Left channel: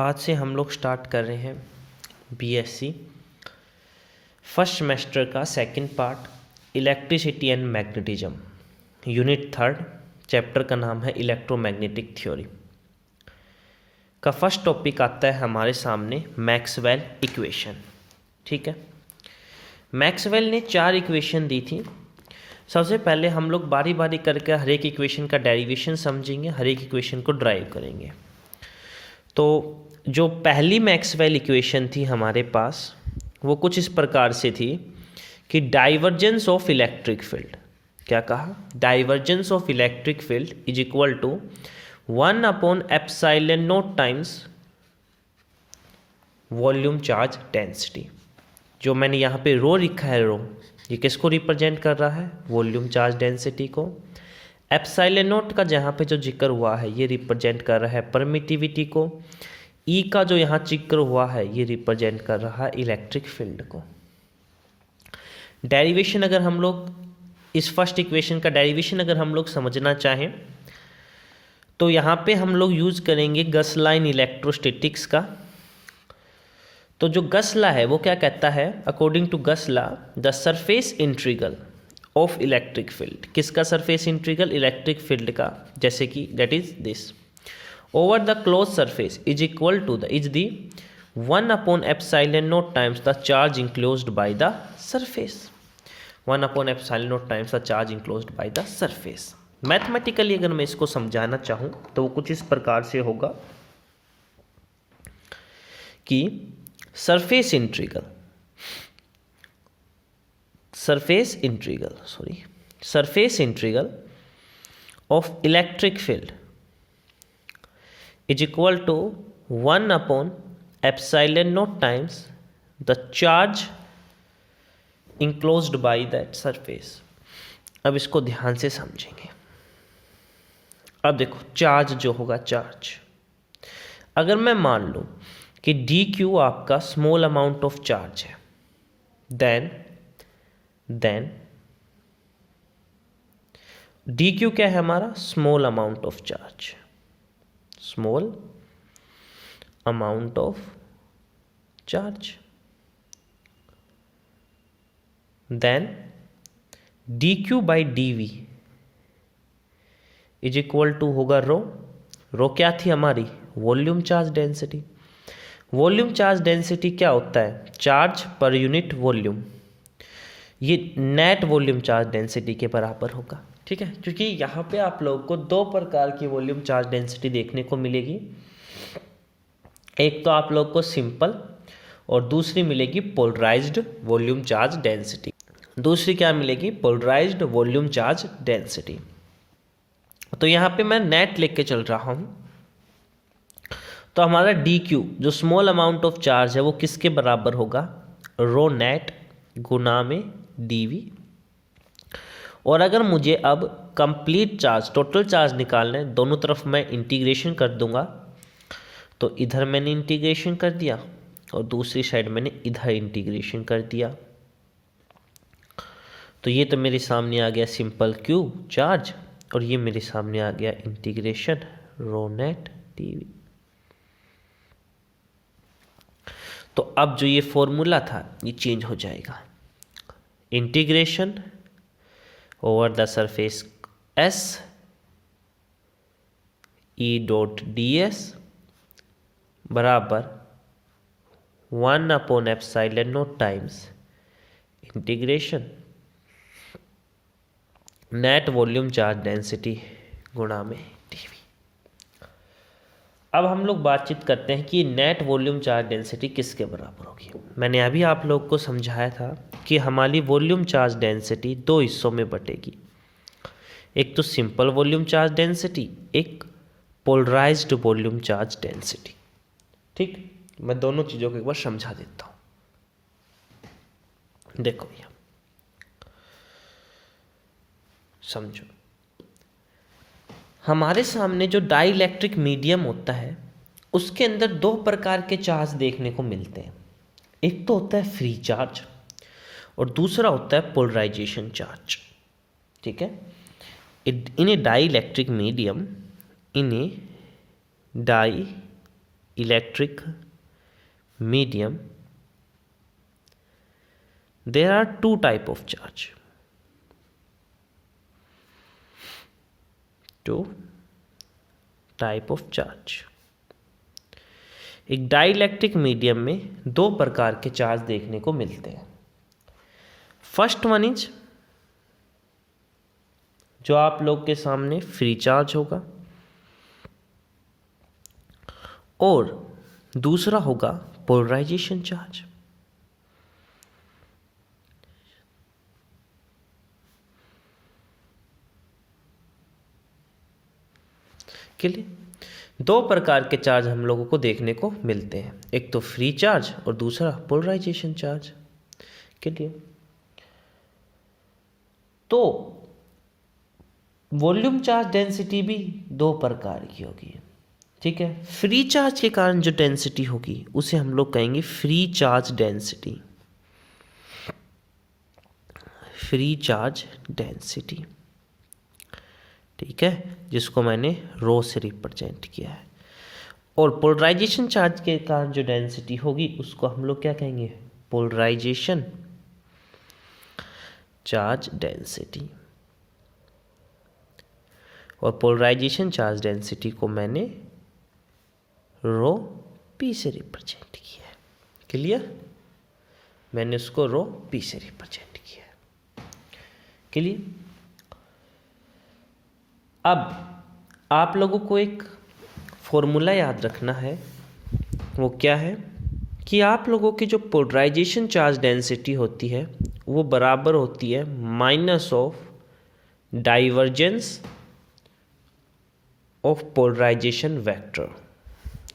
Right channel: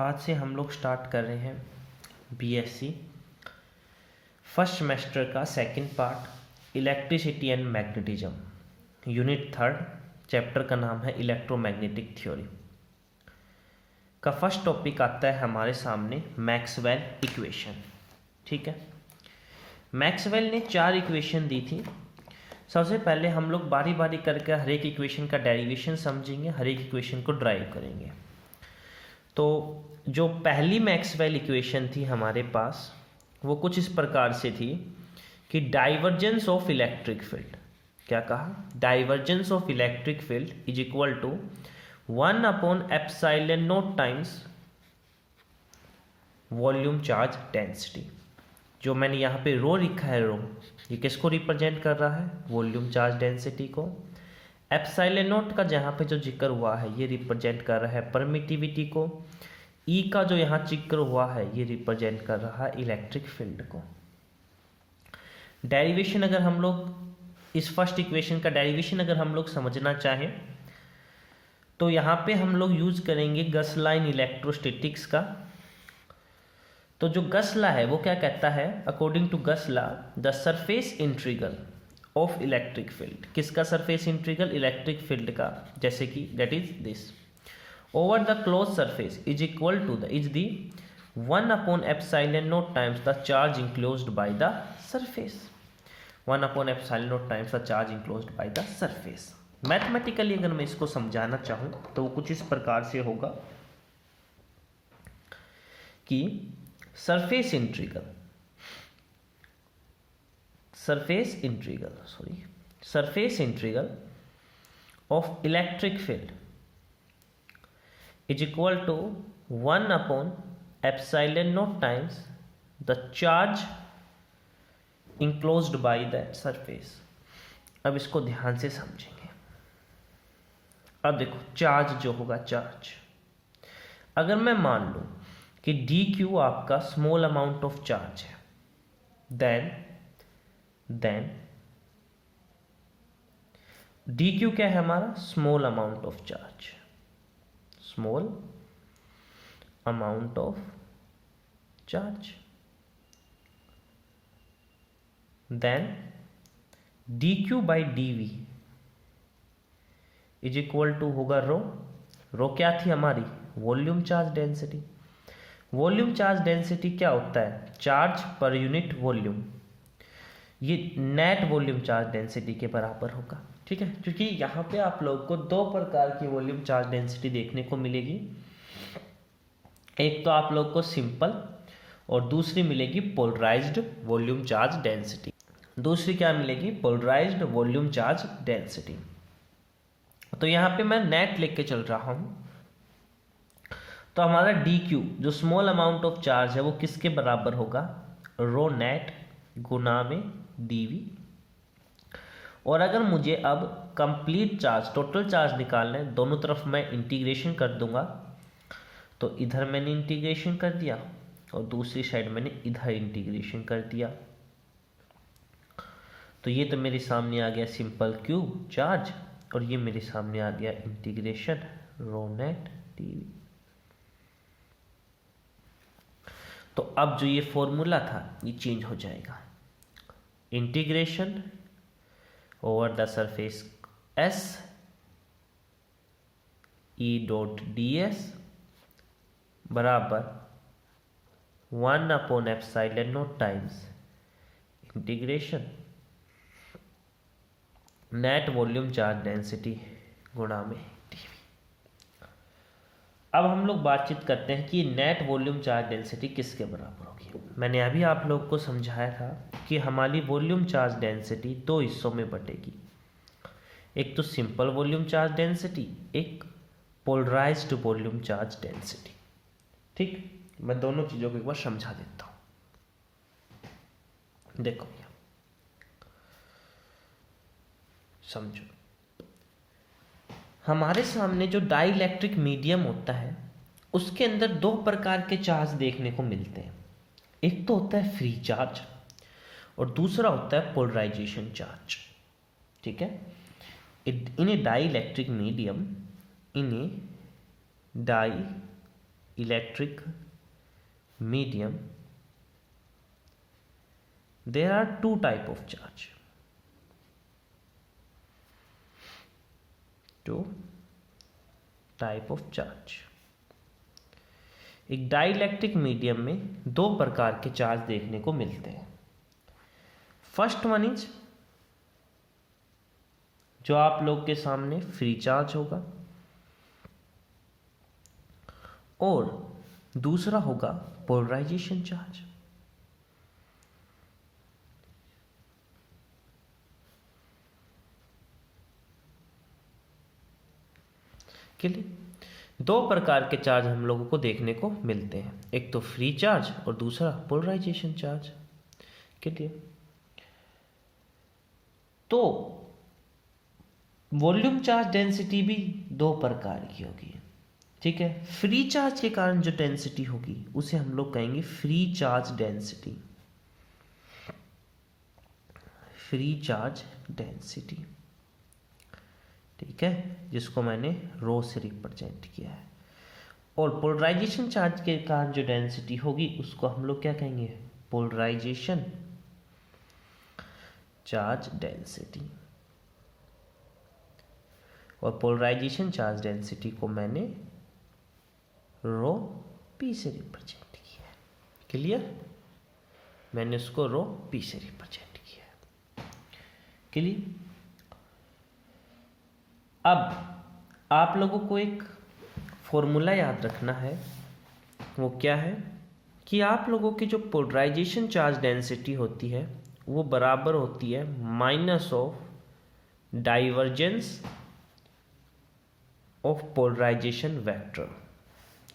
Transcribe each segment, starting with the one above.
आज से हम लोग स्टार्ट कर रहे हैं बीएससी फर्स्ट सेमेस्टर का second part electricity and magnetism, unit third, chapter का नाम है इलेक्ट्रोमैग्नेटिक थ्योरी। का फर्स्ट टॉपिक आता है हमारे सामने मैक्सवेल इक्वेशन। ठीक है, मैक्सवेल ने 4 इक्वेशन दी थी। सबसे पहले हम लोग बारी बारी करके हर एक इक्वेशन का डेरिवेशन समझेंगे, हर एक इक्वेशन को ड्राइव करेंगे। तो जो पहली मैक्सवेल इक्वेशन थी हमारे पास वो कुछ इस प्रकार से थी कि डाइवर्जेंस ऑफ इलेक्ट्रिक फील्ड, क्या कहा, divergence of electric field is equal to 1/एप्सिलॉन naught times volume charge density. जो मैंने यहाँ पे रो लिखा है, रो ये किसको रिप्रेजेंट कर रहा है, वॉल्यूम चार्ज डेंसिटी को। एप्सिलॉन नॉट का जहाँ पे जो जिक्र हुआ है ये रिप्रेजेंट कर रहा है परमिटिविटी को। ई का जो यहाँ जिक्र हुआ है ये रिप्रेजेंट कर रहा है इलेक्ट्रिक फील्ड को। डेरिवेशन अगर हम लोग इस फर्स्ट इक्वेशन का डेरिवेशन अगर हम लोग समझना चाहें तो यहाँ पे हम लोग यूज करेंगे गस लॉ इन इलेक्ट्रोस्टैटिक्स का। तो जो गस लॉ है वो क्या कहता है, according to Gauss law the surface integral of electric field, किसका सरफेस इंटीग्रल, इलेक्ट्रिक फील्ड का, जैसे कि that is this over the close surface is equal to the is the 1/एप्सिलॉन naught times the charge enclosed by the surface. 1/एप्सिलॉन naught times the charge enclosed by the surface. Mathematically अगर मैं इसको समझाना चाहूँ तो वो कुछ इस प्रकार से होगा कि surface integral of electric field is equal to 1/एप्सिलॉन naught times the charge enclosed by that surface। अब इसको ध्यान से समझेंगे। अब देखो चार्ज जो होगा, चार्ज अगर मैं मान लूं कि dq आपका स्मॉल अमाउंट ऑफ चार्ज है, देन dq क्या है हमारा, small amount of charge, small amount of charge, then dq by dv is equal to होगा रो क्या थी हमारी, volume charge density. Volume charge density क्या होता है, चार्ज पर यूनिट वॉल्यूम, ये नेट वॉल्यूम चार्ज डेंसिटी के बराबर होगा। ठीक है, क्योंकि यहाँ पे आप लोगों को 2 प्रकार की वॉल्यूम चार्ज डेंसिटी देखने को मिलेगी। एक तो आप लोग को सिंपल और दूसरी मिलेगी पोलराइज्ड वॉल्यूम चार्ज डेंसिटी। दूसरी क्या मिलेगी, पोलराइज्ड वॉल्यूम चार्ज डेंसिटी। तो यहाँ पे मैं नेट लेके चल रहा हूँ, तो हमारा dq जो स्मॉल अमाउंट ऑफ चार्ज है वो किसके बराबर होगा, रो नेट गुना में dv। और अगर मुझे अब कंप्लीट चार्ज, टोटल चार्ज निकालना है, दोनों तरफ मैं इंटीग्रेशन कर दूंगा। तो इधर मैंने इंटीग्रेशन कर दिया और दूसरी साइड मैंने इधर इंटीग्रेशन कर दिया। तो ये तो मेरे सामने आ गया सिंपल q चार्ज, और ये मेरे सामने आ गया इंटीग्रेशन रो नेट dv। तो अब जो ये फॉर्मूला था ये चेंज हो जाएगा, integration over the surface s e dot ds बराबर 1/एप्सिलॉन naught times integration net volume charge density गुणा में dv। अब हम लोग बातचीत करते हैं कि नेट वॉल्यूम चार्ज डेंसिटी किसके बराबर होगी। मैंने अभी आप लोग को समझाया था कि हमारी वॉल्यूम चार्ज डेंसिटी 2 हिस्सों में बटेगी, एक तो सिंपल वॉल्यूम चार्ज डेंसिटी, एक पोलराइज्ड वॉल्यूम चार्ज डेंसिटी। ठीक, मैं दोनों चीज़ों को एक बार समझा देता हूँ। देखो भैया समझो, हमारे सामने जो डाइइलेक्ट्रिक मीडियम होता है उसके अंदर 2 प्रकार के चार्ज देखने को मिलते हैं। एक तो होता है फ्री चार्ज और दूसरा होता है पोलराइजेशन चार्ज। ठीक है, in a dielectric medium, in a dielectric electric medium, there are two type of charge. Two type of charge. एक डाइलेक्ट्रिक मीडियम में दो प्रकार के चार्ज देखने को मिलते हैं. फर्स्ट वन इज जो आप लोग के सामने फ्री चार्ज होगा, और दूसरा होगा पोलराइजेशन चार्ज. क्लियर? दो प्रकार के चार्ज हम लोगों को देखने को मिलते हैं, एक तो फ्री चार्ज और दूसरा पोलराइजेशन चार्ज. क्लियर? तो वॉल्यूम चार्ज डेंसिटी भी दो प्रकार की होगी. ठीक है, फ्री चार्ज के कारण जो डेंसिटी होगी उसे हम लोग कहेंगे free charge density. Free charge density, ठीक है, जिसको मैंने रो से रिप्रेजेंट किया है. और पोलराइजेशन चार्ज के कारण जो डेंसिटी होगी उसको हम लोग क्या कहेंगे? Polarization charge density. और पोलराइजेशन चार्ज डेंसिटी को मैंने रो पी से रिप्रेजेंट किया है. क्लियर? मैंने उसको रो पी से रिप्रेजेंट किया है. क्लियर? अब आप लोगों को एक फॉर्मूला याद रखना है. वो क्या है कि आप लोगों की जो पोलराइजेशन चार्ज डेंसिटी होती है वो बराबर होती है minus of divergence of polarisation vector.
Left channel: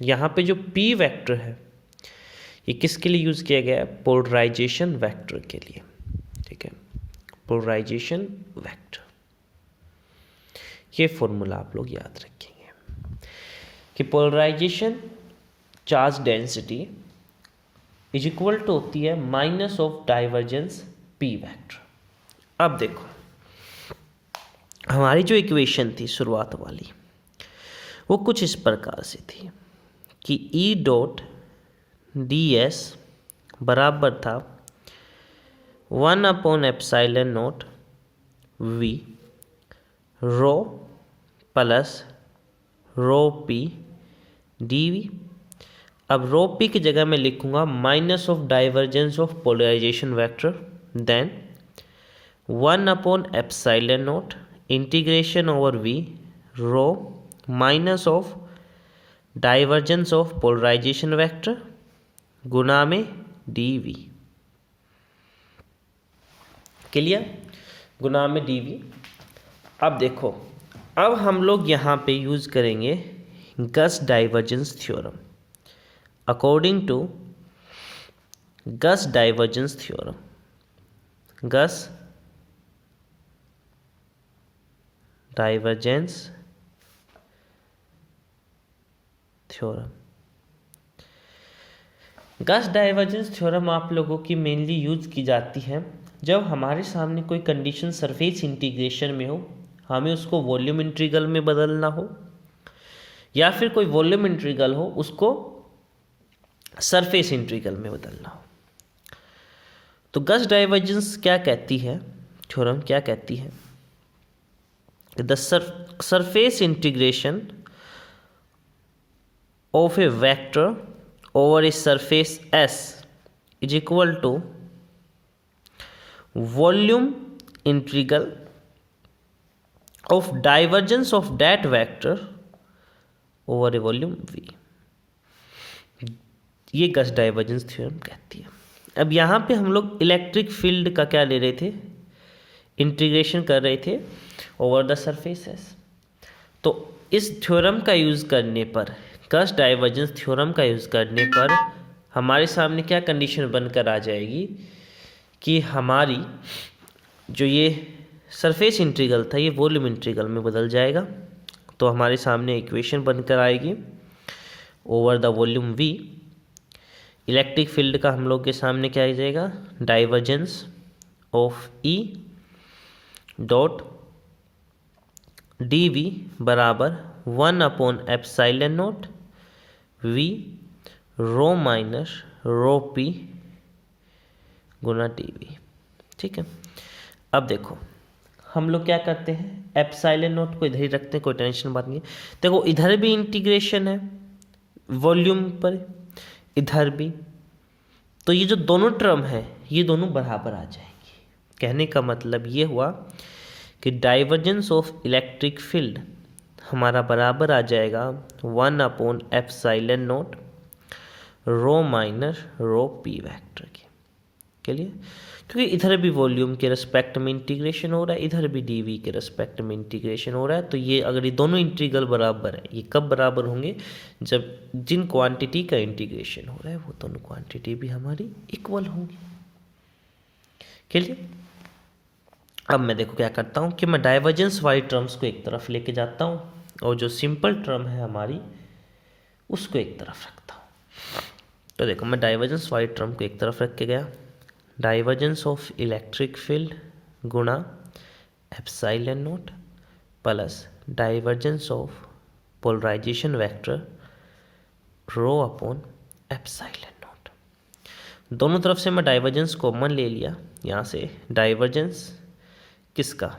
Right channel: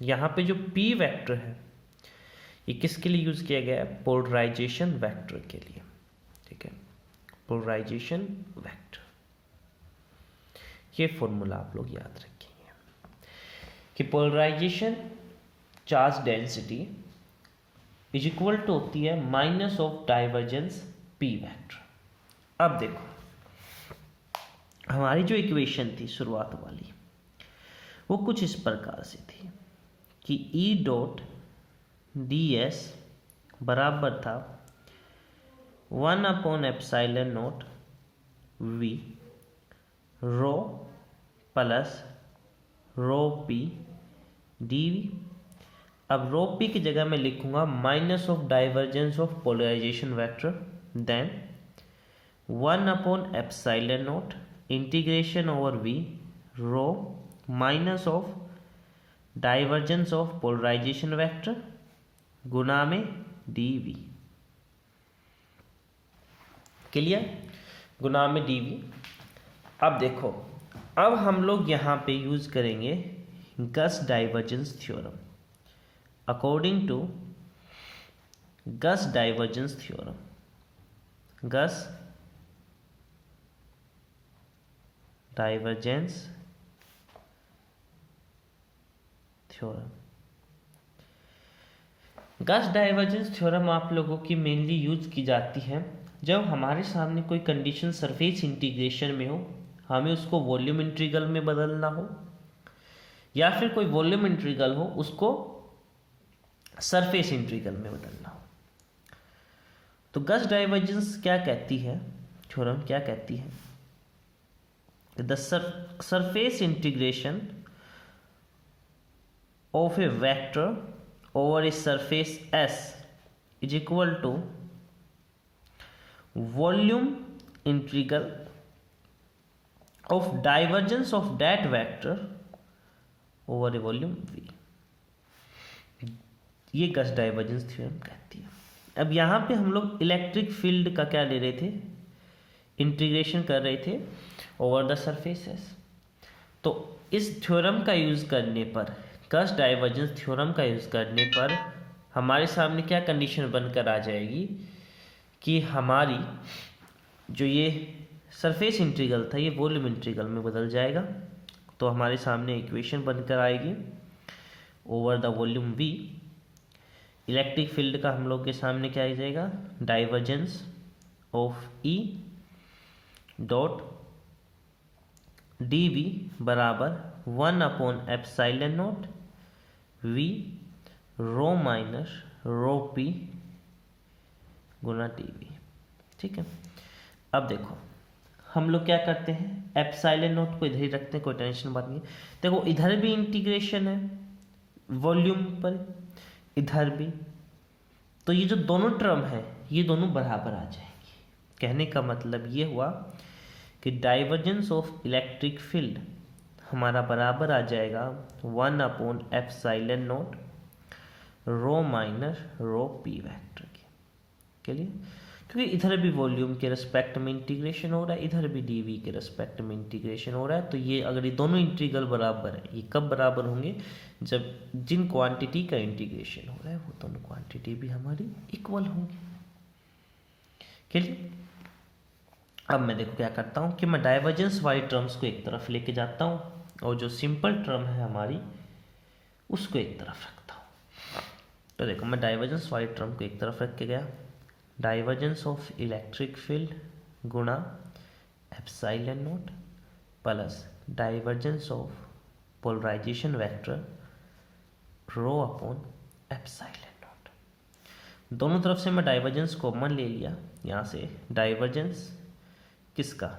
यहाँ पे जो पी वेक्टर है ये किसके लिए यूज़ किया गया है? पोलराइजेशन वेक्टर के लिए. ठीक है, पोलराइजेशन वेक्टर. ये फॉर्मूला आप लोग याद रखेंगे कि polarization charge density is equal to होती है minus of divergence P vector. अब देखो, हमारी जो इक्वेशन थी शुरुआत वाली वो कुछ इस प्रकार से थी कि ई डॉट डी एस बराबर था 1/एप्सिलॉन naught V rho plus rho P D V. अब रो पी की जगह मैं लिखूंगा minus of divergence of polarisation vector, then 1/एप्सिलॉन naught integration over V rho minus of divergence of polarisation vector गुना में डी वी. क्लियर? गुना में D V. अब देखो, अब हम लोग यहाँ पे यूज़ करेंगे Gauss divergence theorem. According to Gauss divergence theorem, Gauss divergence theorem. Gauss divergence theorem आप लोगों की मेनली यूज की जाती है जब हमारे सामने कोई कंडीशन सरफेस इंटीग्रेशन में हो, हमें उसको वॉल्यूम इंटीग्रल में बदलना हो, या फिर कोई वॉल्यूम इंटीग्रल हो उसको सरफेस इंटीग्रल में बदलना हो. तो गस डाइवर्जेंस क्या कहती है, थ्योरम क्या कहती है? The surface integration of a vector over a surface S is equal to volume integral of divergence of that vector over a volume V. ये गस डाइवर्जेंस थ्योरम कहती है. अब यहाँ पे हम लोग इलेक्ट्रिक फील्ड का क्या ले रहे थे? इंटीग्रेशन कर रहे थे ओवर द सरफेस S. तो इस थ्योरम का यूज़ करने पर, गस डाइवर्जेंस थ्योरम का यूज़ करने पर हमारे सामने क्या कंडीशन बनकर आ जाएगी कि हमारी जो ये सरफेस इंटीग्रल था ये वॉल्यूम इंटीग्रल में बदल जाएगा. तो हमारे सामने इक्वेशन बनकर आएगी over the volume V. Electric field का हम लोग के सामने क्या आ जाएगा? Divergence of E dot D V बराबर 1/एप्सिलॉन naught V rho minus rho P गुना डी वी। ठीक है, अब देखो हम लोग क्या करते हैं, एप्सिलॉन नोट को इधर ही रखते हैं, कोई टेंशन बात नहीं। देखो इधर भी इंटीग्रेशन है वॉल्यूम पर, इधर भी, तो ये जो दोनों टर्म है ये दोनों बराबर आ जाएंगी। कहने का मतलब ये हुआ कि डाइवर्जेंस ऑफ इलेक्ट्रिक फील्ड हमारा बराबर आ जाएगा 1/एप्सिलॉन नोट रो माइनस रो पी वेक्टर के लिए, क्योंकि इधर भी वॉल्यूम के रिस्पेक्ट में इंटीग्रेशन हो रहा है, इधर भी डीवी के रिस्पेक्ट में इंटीग्रेशन हो रहा है। तो ये अगर ये दोनों इंटीग्रल बराबर है, ये कब बराबर होंगे, जब जिन क्वांटिटी का इंटीग्रेशन हो रहा है वो दोनों क्वांटिटी भी हमारी इक्वल होंगी। क्लियर। अब मैं देखो क्या करता हूँ कि मैं डाइवर्जेंस वाली टर्म्स को एक तरफ लेके जाता हूँ और जो सिंपल टर्म है हमारी उसको एक तरफ रखता हूँ। तो देखो मैं डाइवर्जेंस वाली टर्म को एक तरफ रख के गया, डाइवर्जेंस ऑफ इलेक्ट्रिक फील्ड गुणा epsilon naught plus divergence of polarisation vector rho upon epsilon naught. दोनों तरफ से मैं डाइवर्जेंस कॉमन ले लिया, यहाँ से डाइवर्जेंस किसका,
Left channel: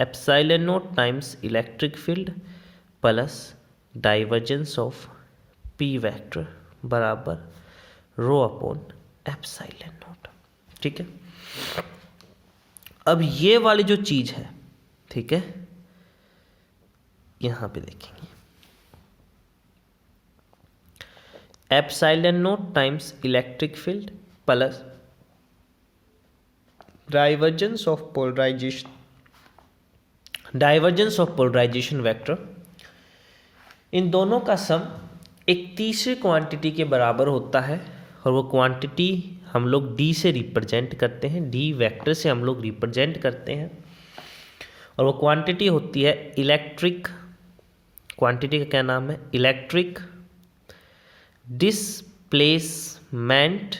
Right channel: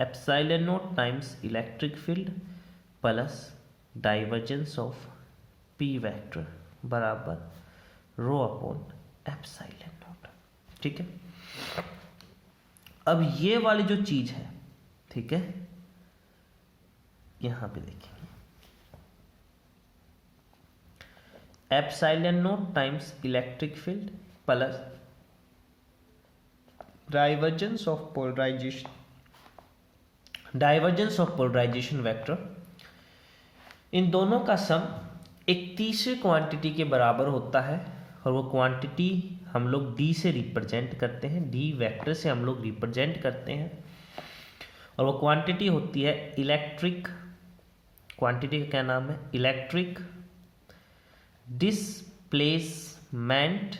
epsilon naught times electric field plus divergence of P vector बराबर रो अपॉन एप्सिलॉन नोट। ठीक है, अब ये वाली जो चीज है, ठीक है, यहां पे देखेंगे epsilon naught times electric field plus divergence of polarisation vector, इन दोनों का सम एक तीसरे क्वांटिटी के बराबर होता है और वो क्वांटिटी हम लोग डी से रिप्रेजेंट करते हैं, डी वेक्टर से हम लोग रिप्रेजेंट करते हैं, और वो क्वांटिटी होती है इलेक्ट्रिक, क्वांटिटी का क्या नाम है, electric displacement,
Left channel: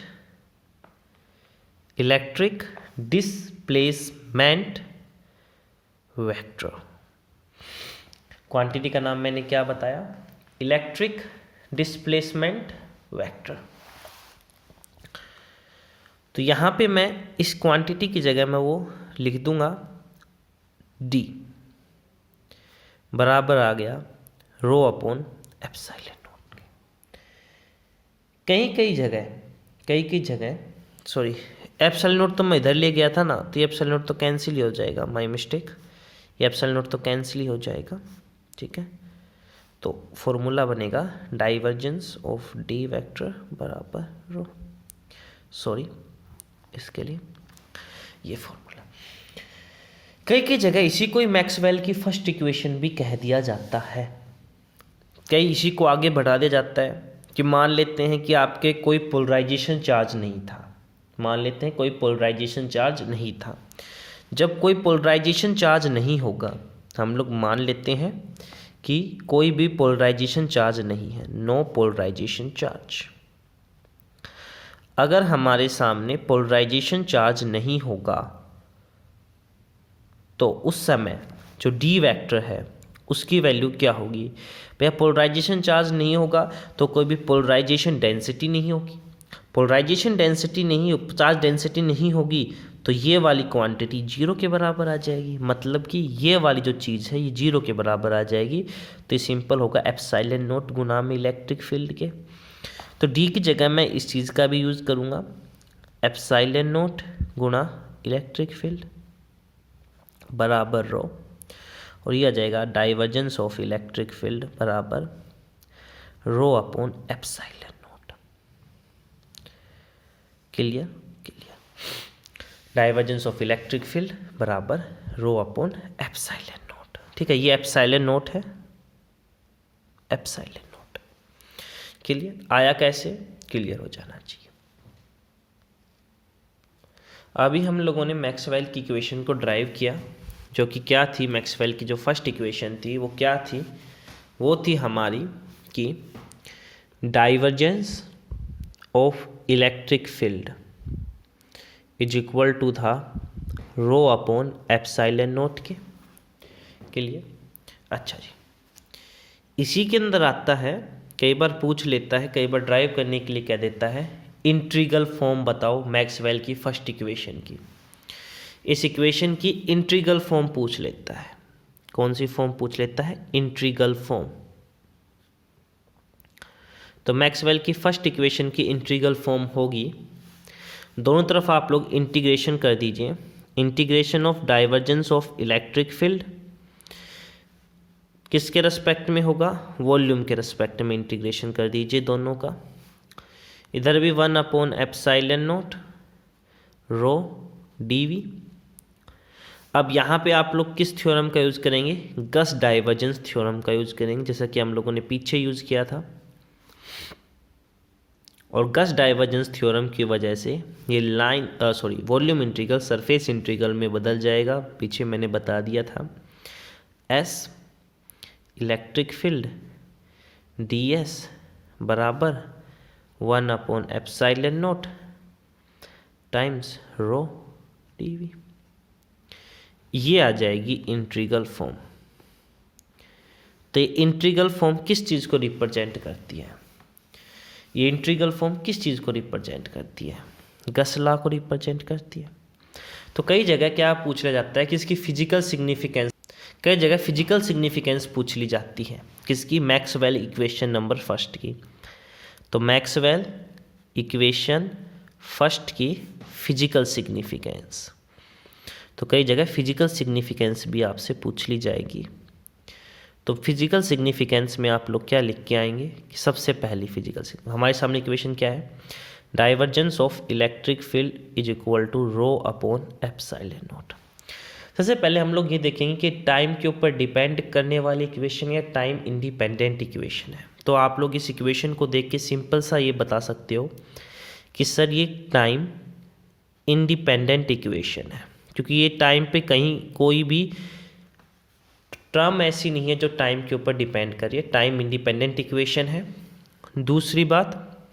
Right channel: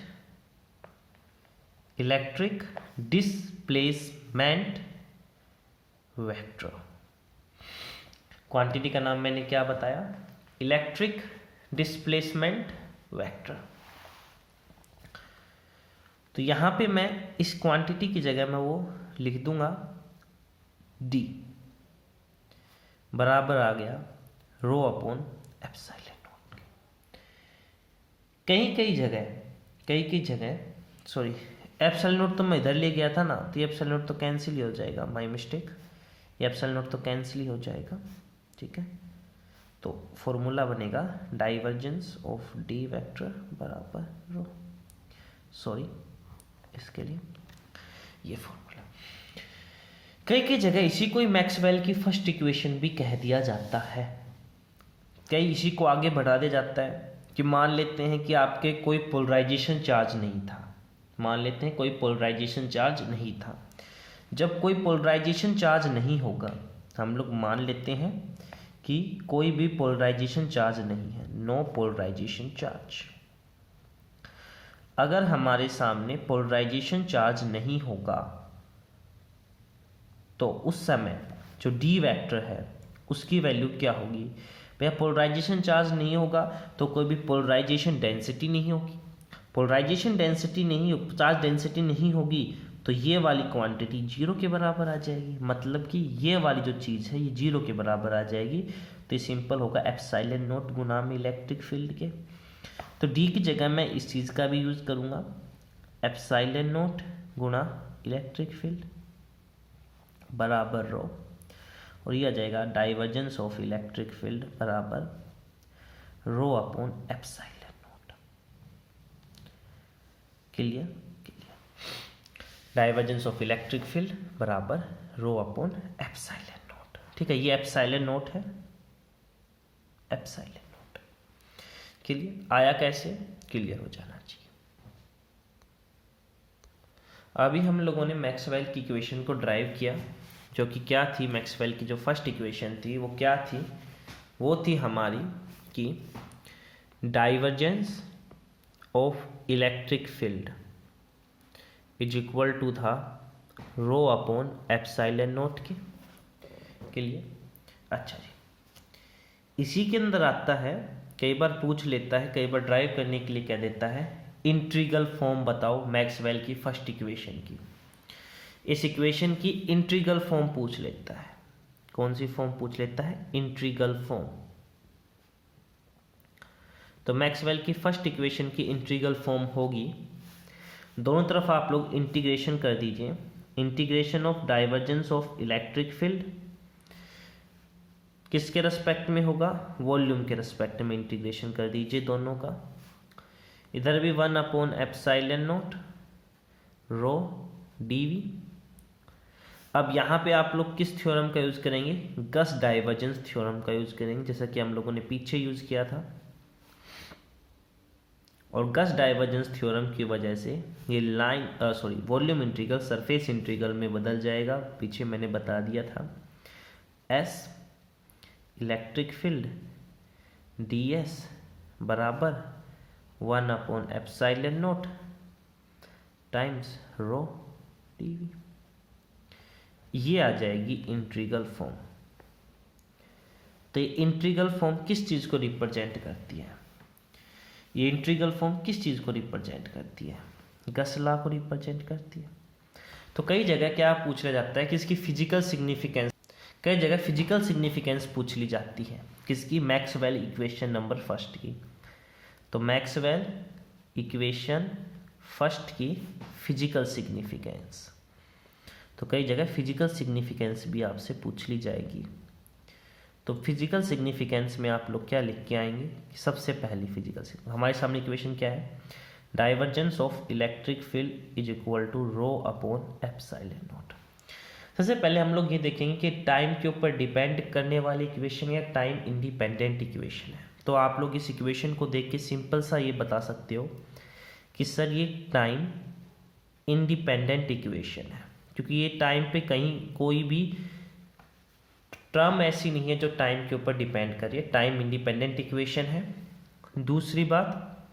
electric displacement vector. Quantity का नाम मैंने क्या बताया, इलेक्ट्रिक डिस्प्लेसमेंट वेक्टर। तो यहाँ पे मैं इस क्वांटिटी की जगह में वो लिख दूंगा D बराबर आ गया रो अपॉन एप्सिलॉन नोट। कई जगह सॉरी, एप्सिलॉन नोट तो मैं इधर ले गया था ना, तो ये एप्सिलॉन नोट तो कैंसिल ही हो जाएगा, माय मिस्टेक, ये एप्सिलॉन नोट तो कैंसिल ही हो जाएगा। ठीक है, तो फॉर्मूला बनेगा डाइवर्जेंस ऑफ D वेक्टर बराबर रो, सॉरी इसके लिए ये फॉर्मूला। कई जगह इसी को ही मैक्सवेल की फर्स्ट इक्वेशन भी कह दिया जाता है, कई इसी को आगे बढ़ा दिया जाता है कि मान लेते हैं कि आपके कोई पोलराइजेशन चार्ज नहीं था, मान लेते हैं कोई पोलराइजेशन चार्ज नहीं था। जब कोई पोलराइजेशन चार्ज नहीं होगा, हम लोग मान लेते हैं कि कोई भी पोलराइजेशन चार्ज नहीं है, नो पोलराइजेशन चार्ज। अगर हमारे सामने पोलराइजेशन चार्ज नहीं होगा तो उस समय जो डी वेक्टर है उसकी वैल्यू क्या होगी, भैया पोलराइजेशन चार्ज नहीं होगा तो कोई भी पोलराइजेशन डेंसिटी नहीं होगी, पोलराइजेशन डेंसिटी नहीं, चार्ज डेंसिटी नहीं होगी तो ये वाली क्वांटिटी जीरो के बराबर आ जाएगी, मतलब कि ये वाली जो चीज़ है ये जीरो के बराबर आ जाएगी। तो ये सिंपल होगा एप्सिलॉन नोट गुना में इलेक्ट्रिक फील्ड के। तो डी की जगह मैं इस चीज़ का भी यूज़ करूँगा, एप्सिलॉन नोट गुना इलेक्ट्रिक फील्ड बराबर रो, और ये आ जाएगा डाइवर्जेंस ऑफ इलेक्ट्रिक फील्ड बराबर रो upon epsilon note. Clear, divergence of electric field बराबर रो अपॉन एप्सिलॉन नोट। ठीक है, ये एप्सिलॉन नोट है, एप्सिलॉन नोट। क्लियर, आया कैसे, क्लियर हो जाना चाहिए। अभी हम लोगों ने मैक्सवेल की इक्वेशन को ड्राइव किया, जो कि क्या थी, मैक्सवेल की जो फर्स्ट इक्वेशन थी वो क्या थी, वो थी हमारी कि divergence of electric field is equal to था रो अपॉन एप्सिलॉन नोट के लिए। अच्छा जी, इसी के अंदर आता है कई बार पूछ लेता है, कई बार ड्राइव करने के लिए कह देता है इंटीग्रल फॉर्म बताओ मैक्सवेल की फर्स्ट इक्वेशन की। इस इक्वेशन की इंटीग्रल फॉर्म पूछ लेता है। कौन सी फॉर्म पूछ लेता है? Integral form. तो मैक्सवेल की फर्स्ट इक्वेशन की इंटीग्रल फॉर्म होगी, दोनों तरफ आप लोग इंटीग्रेशन कर दीजिए। Integration of divergence of electric field किसके रेस्पेक्ट में होगा? वॉल्यूम के रेस्पेक्ट में इंटीग्रेशन कर दीजिए दोनों का। इधर भी 1/ε0 रो dv। अब यहाँ पे आप लोग किस थ्योरम का यूज़ करेंगे? गस डाइवर्जेंस थ्योरम का यूज़ करेंगे, जैसा कि हम लोगों ने पीछे यूज़ किया था। और गस डाइवर्जेंस थ्योरम की वजह से ये वॉल्यूम इंटीग्रल सरफेस इंटीग्रल में बदल जाएगा। पीछे मैंने बता दिया था S इलेक्ट्रिक फील्ड ds बराबर 1/ε0 टाइम्स रो dv। ये आ जाएगी इंटीग्रल फॉर्म। तो ये इंटीग्रल फॉर्म किस चीज़ को रिप्रेजेंट करती है? ये इंटीग्रल फॉर्म किस चीज़ को रिप्रेजेंट करती है? गस लॉ को रिप्रेजेंट करती है। तो कई जगह क्या पूछ लिया जाता है कि इसकी फिजिकल सिग्निफिकेंस, कई जगह फिजिकल सिग्निफिकेंस पूछ ली जाती है। किसकी? मैक्सवेल इक्वेशन नंबर फर्स्ट की। तो मैक्सवेल इक्वेशन फर्स्ट की फिजिकल सिग्निफिकेंस, तो कई जगह फिजिकल सिग्निफिकेंस भी आपसे पूछ ली जाएगी। तो फिजिकल सिग्निफिकेंस में आप लोग क्या लिख के आएंगे कि सबसे पहली फिजिकल हमारे सामने इक्वेशन क्या है? Divergence of electric field is equal to ρ/ε0। सबसे पहले हम लोग ये देखेंगे कि टाइम के ऊपर डिपेंड करने वाली इक्वेशन या टाइम इंडिपेंडेंट इक्वेशन है। तो आप लोग इस इक्वेशन को देख के सिंपल सा ये बता सकते हो कि सर ये टाइम इंडिपेंडेंट इक्वेशन है, क्योंकि ये टाइम पे कहीं कोई भी टर्म ऐसी नहीं है जो टाइम के ऊपर डिपेंड कर रही है। टाइम इंडिपेंडेंट इक्वेशन है। दूसरी बात,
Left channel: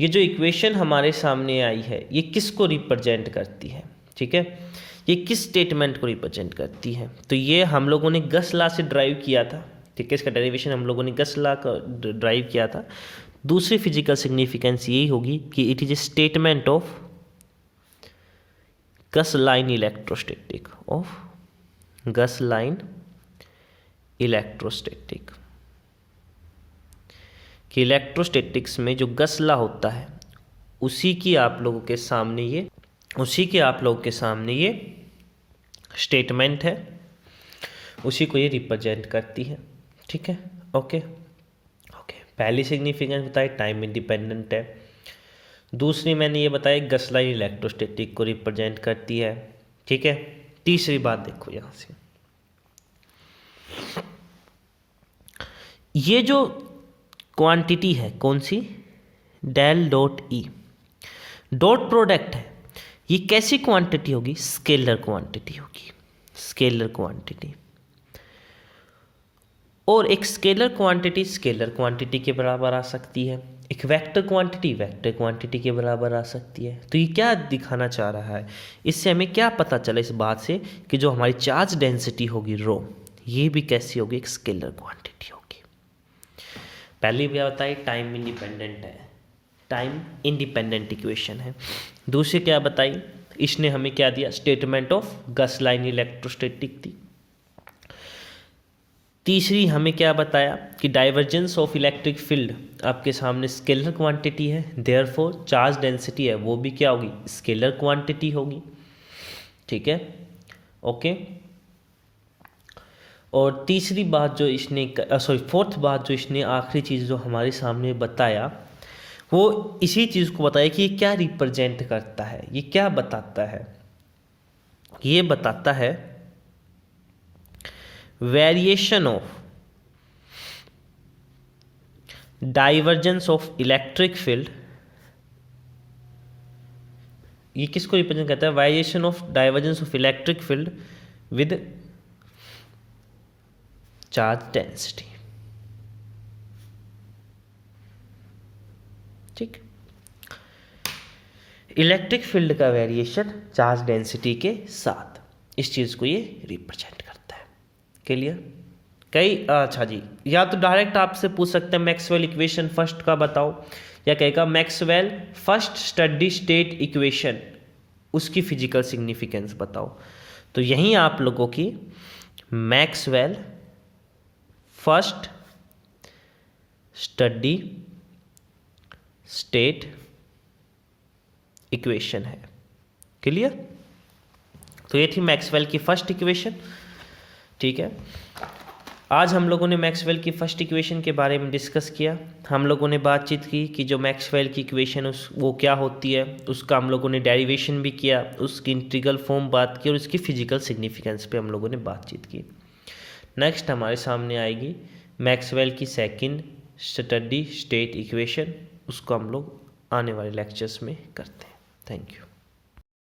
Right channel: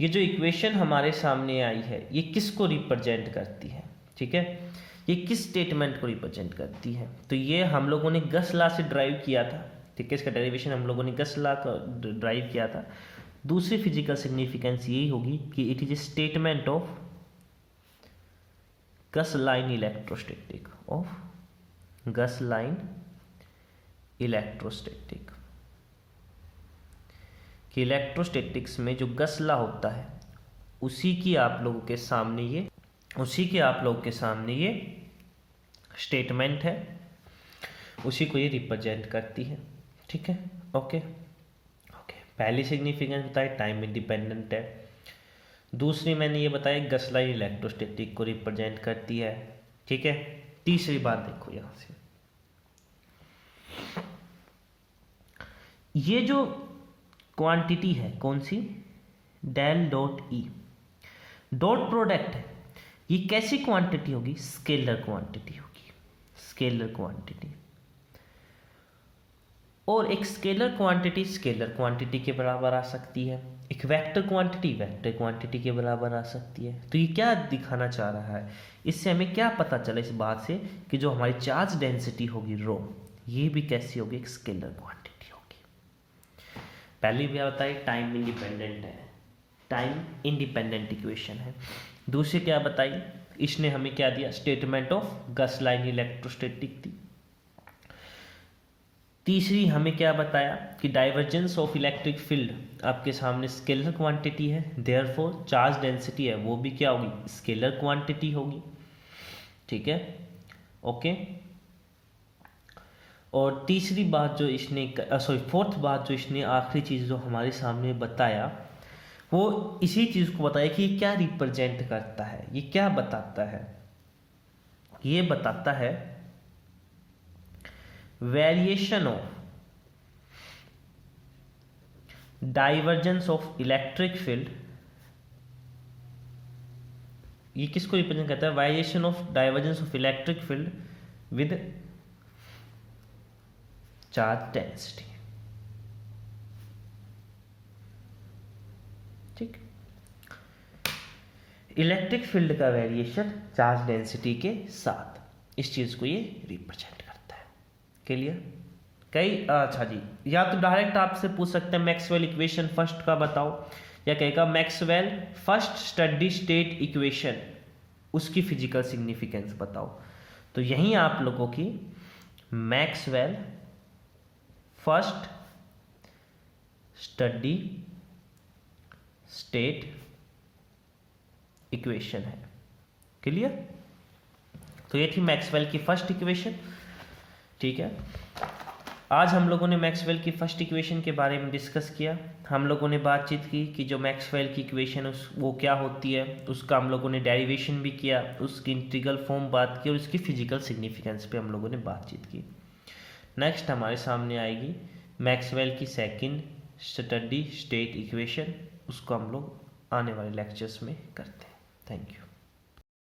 ये जो इक्वेशन हमारे सामने आई है ये किसको रिप्रेजेंट करती है? ठीक है, ये किस स्टेटमेंट को रिप्रेजेंट करती है? तो ये हम लोगों ने गस लॉ से ड्राइव किया था। ठीक है, इसका डेरिवेशन हम लोगों ने गस लॉ का ड्राइव किया था। दूसरी फिजिकल सिग्निफिकेंस यही होगी कि it is a statement of Gauss line electrostatic, of Gauss line electrostatic, कि इलेक्ट्रोस्टैटिक्स में जो गस लॉ होता है उसी की आप लोगों के सामने ये स्टेटमेंट है, उसी को ये रिप्रेजेंट करती है। ठीक है, ओके। पहली सिग्निफिकेंस बताई टाइम इंडिपेंडेंट है। दूसरी मैंने ये बताया गस लाइन इलेक्ट्रोस्टैटिक को रिप्रेजेंट करती है। ठीक है, तीसरी बात देखो यहाँ से, ये जो क्वांटिटी है कौन सी? Del dot E, dot product है। ये कैसी क्वांटिटी होगी? स्केलर क्वांटिटी होगी, स्केलर क्वांटिटी। और एक स्केलर क्वांटिटी के बराबर आ सकती है, एक वेक्टर क्वांटिटी के बराबर आ सकती है। तो ये क्या दिखाना चाह रहा है? इससे हमें क्या पता चला इस बात से कि जो हमारी चार्ज डेंसिटी होगी रो, ये भी कैसी होगी? एक स्केलर क्वांटिटी होगी। पहली क्या बताई? टाइम इंडिपेंडेंट है, टाइम इंडिपेंडेंट इक्वेशन है। दूसरी क्या बताई? इसने हमें क्या दिया? Statement of Gauss line electrostatic थी। तीसरी हमें क्या बताया कि डाइवर्जेंस ऑफ इलेक्ट्रिक फील्ड आपके सामने स्केलर क्वांटिटी है, देयरफॉर चार्ज डेंसिटी है वो भी क्या होगी? स्केलर क्वांटिटी होगी। ठीक है, ओके। और तीसरी बात जो इसने फोर्थ बात जो इसने आखिरी चीज़ जो हमारे सामने बताया वो इसी चीज़ को बताया कि ये क्या रिप्रेजेंट करता है, ये क्या बताता है? ये बताता है variation of divergence of electric field. ये किसको रिप्रेजेंट करता है? Variation of divergence of electric field with charge density. ठीक, इलेक्ट्रिक फील्ड का वेरिएशन चार्ज डेंसिटी के साथ, इस चीज को ये रिप्रेजेंट करता है। क्लियर? अच्छा जी, या तो डायरेक्ट आपसे पूछ सकते हैं मैक्सवेल इक्वेशन फर्स्ट का बताओ, या कहेगा Maxwell first steady state equation, उसकी फिजिकल सिग्निफिकेंस बताओ। तो यहीं आप लोगों की Maxwell first steady state equation है। क्लियर? तो ये थी मैक्सवेल की फर्स्ट इक्वेशन। ठीक है, आज हम लोगों ने मैक्सवेल की फर्स्ट इक्वेशन के बारे में डिस्कस किया। हम लोगों ने बातचीत की कि जो मैक्सवेल की इक्वेशन वो क्या होती है, उसका हम लोगों ने डेरिवेशन भी किया, उसकी इंटीग्रल फॉर्म बात की, और उसकी फिजिकल सिग्निफिकेंस पे हम लोगों ने बातचीत की। नेक्स्ट हमारे सामने आएगी मैक्सवेल की सेकंड स्टडी स्टेट इक्वेशन, उसको हम लोग आने वाले लेक्चर्स में करते हैं। Thank you.